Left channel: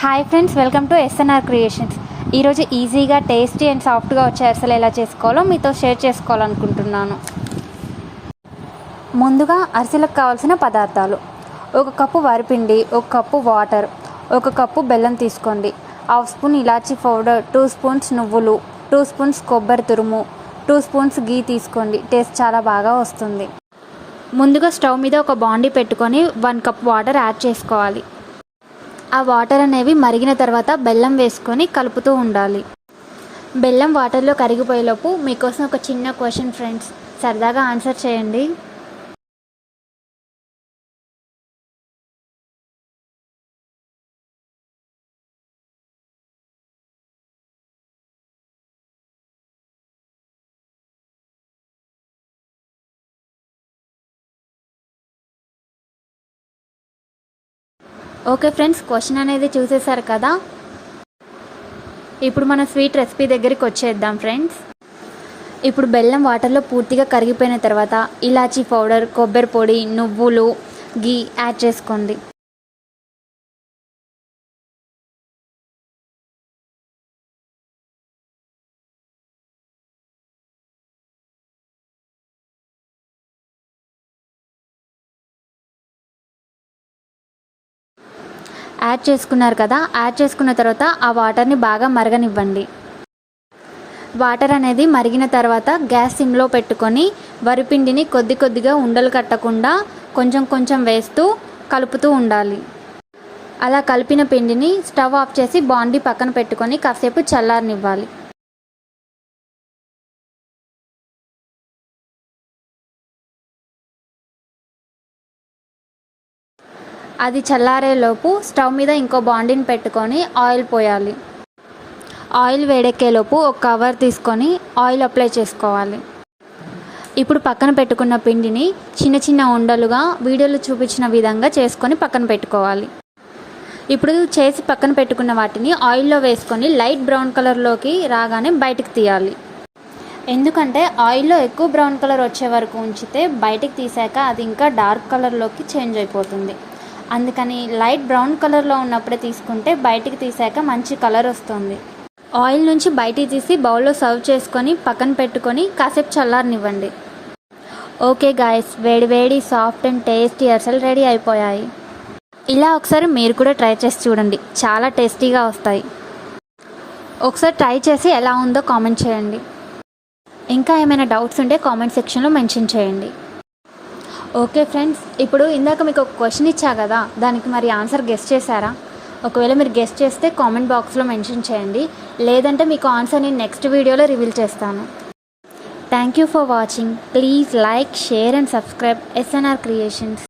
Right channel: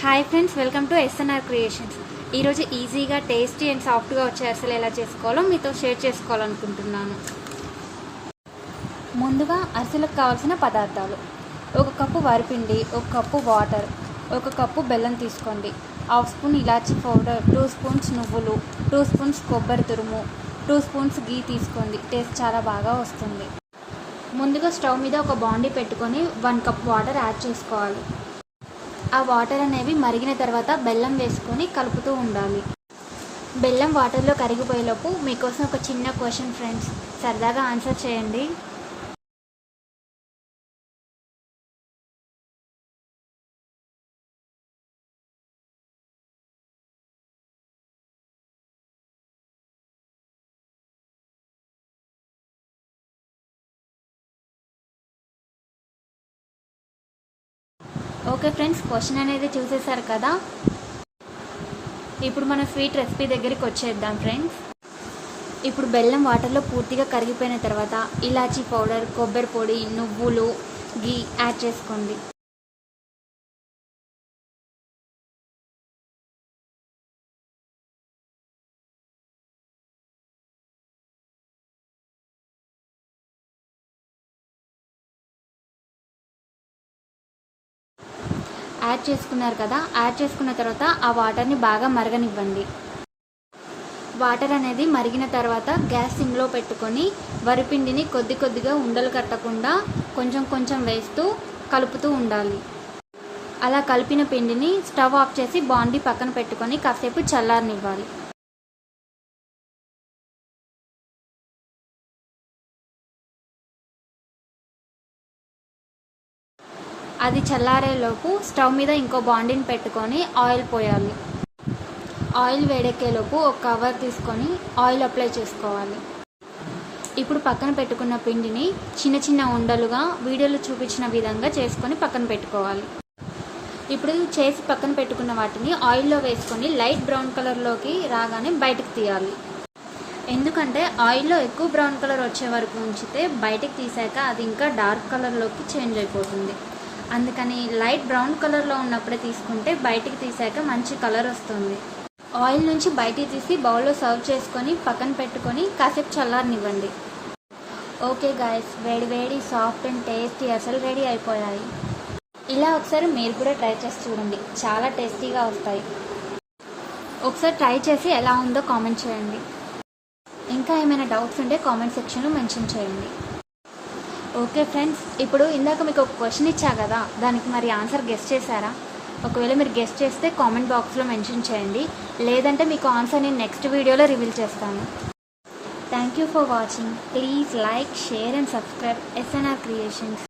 Hi friends, welcome to SNR creations. ఈరోజు ఈజీగా tasty and సాఫ్ట్గా వచ్చే అరిసెలు ఎలా చేసుకోవాలో మీతో షేర్ చేసుకోవాలనుకుంటున్నాను. ముందుగా అరిసెలకు కావాల్సిన పదార్థాలు: 1 కప్పు వరిపిండి, 1 కప్పు వాటర్, 1 కప్పు బెల్లం తీసుకోండి, 1/2 స్పూన్ ఇలాచీ పౌడర్, 2 స్పూన్స్ నువ్వులు, 2 స్పూన్స్ కొబ్బరి తురుము, 2 స్పూన్స్ గీ తీసుకోండి. టేస్ట్ చాలా బాగా వస్తుంది. ముందుగా స్టవ్ మీద ఒక బాండీ పెట్టుకొని 1 కప్ వాటర్ యాడ్ చేసుకోవాలి. ఆ వాటర్ అనేవి మరిగిన తర్వాత బెల్లం వేసుకొని కలుపుతూ ఉండాలి. బెల్లం వాటర్లో కరిగిపోయేలోపు మీకోసం ఒక చిన్న క్వశ్చన్ ఫ్రెండ్స్, సరదాగా ఆన్సర్ చేయండి. ఓకే ఫ్రెండ్స్, క్వశ్చన్ అనేది చూసేశారు కదా. ఇప్పుడు మన స్వీట్ రెసిపీ దగ్గరికి వచ్చేద్దాం ఫ్రెండ్స్. ఇప్పుడు బెల్లం వాటర్లో పూర్తిగా కరిగిపోయిన తర్వాత ఇలాచీ పౌడర్, కొబ్బరి పొడి, నువ్వులు, గీ యాడ్ చేసుకోండి. యాడ్ చేసుకున్నారు కదా. యాడ్ చేసుకున్న తర్వాత ఆ వాటర్ని బాగా మరగనివ్వండి. వాటర్ అనేది మరిగిన తర్వాత గ్యాస్ సిమ్లో పెట్టుకొని వరిపిండిని కొద్ది కొద్దిగా ఉండలు కట్టకుండా కొంచెం కొంచెం వేస్తూ కలుపుతూ ఉండాలి. అలా కలిపిన పిండిని స్టవ్ ఆఫ్ చేసి బాండీ పక్కన పెట్టుకొని కాసేపు చల్లారనివ్వాలి. అది చల్లారేలోపు స్టవ్ మీద ఇంకో బాండీని పెట్టుకొని ఆయిల్ పోయాలి. ఆయిల్ వేడెక్కేలోపు ఒక కవర్ తీసుకొని ఆయిల్ అప్లై చేసుకోవాలి. ఇప్పుడు పక్కన పెట్టుకున్న పిండిని చిన్న చిన్న ఉండలుగా వీడియోలో చూపించిన విధంగా చేసుకొని పక్కన పెట్టుకోవాలి. ఇప్పుడు చేసి పక్కన పెట్టుకున్న వాటిని ఆయిల్లో వేసుకొని లైట్ బ్రౌన్ కలర్లోకి రాగానే బయటకు తీయాలి. ఎందుకంటే ఆయిల్లో ఎక్కువ బ్రౌన్ కలర్ వచ్చే వరకు ఉంచితే బయటకు తీసాక అది ఇంకా డార్క్ కలర్లోకి చేంజ్ అయిపోతుంది. అందుకని లైట్ బ్రౌన్ కలర్లో ఉన్నప్పుడే తీసుకుంటే బయటికి తీసాక మంచి కలర్ వస్తుంది. ఆయిల్ నుంచి బయటికి తీసి బౌల్లో సర్వ్ చేసుకొని పక్కన పెట్టుకొని కాసేపు చల్లారనివ్వండి. ఓకే గాయస్, వేడి వేడి సాఫ్ట్ అండ్ టేస్టీ అరిసెలు రెడీ అయిపోయాయి. ఇలా ఒకసారి మీరు కూడా ట్రై చేసి చూడండి, చాలా టేస్టీగా వస్తాయి. ఒకసారి ట్రై చేసి ఎలా ఉందో కామెంట్ చేయండి. ఇంకా ఏమైనా డౌట్స్ ఉంటే కామెంట్ సెక్షన్లో మెన్షన్ చేయండి. ఓకే ఫ్రెండ్స్, ఇప్పుడు ఇందాక మీకు ఒక క్వశ్చన్ ఇచ్చా కదా, దానికి మరి ఆన్సర్ గెస్ట్ చేశారా? ఒకవేళ మీరు గెస్ట్ చేస్తే కామెంట్ బాక్స్లో మెన్షన్ చేయండి, లేదంటే మీకు ఆన్సర్ నేను నెక్స్ట్ వీడియోలో రివీల్ చేస్తాను. Thank you for watching. Please like, share and subscribe SNR creations.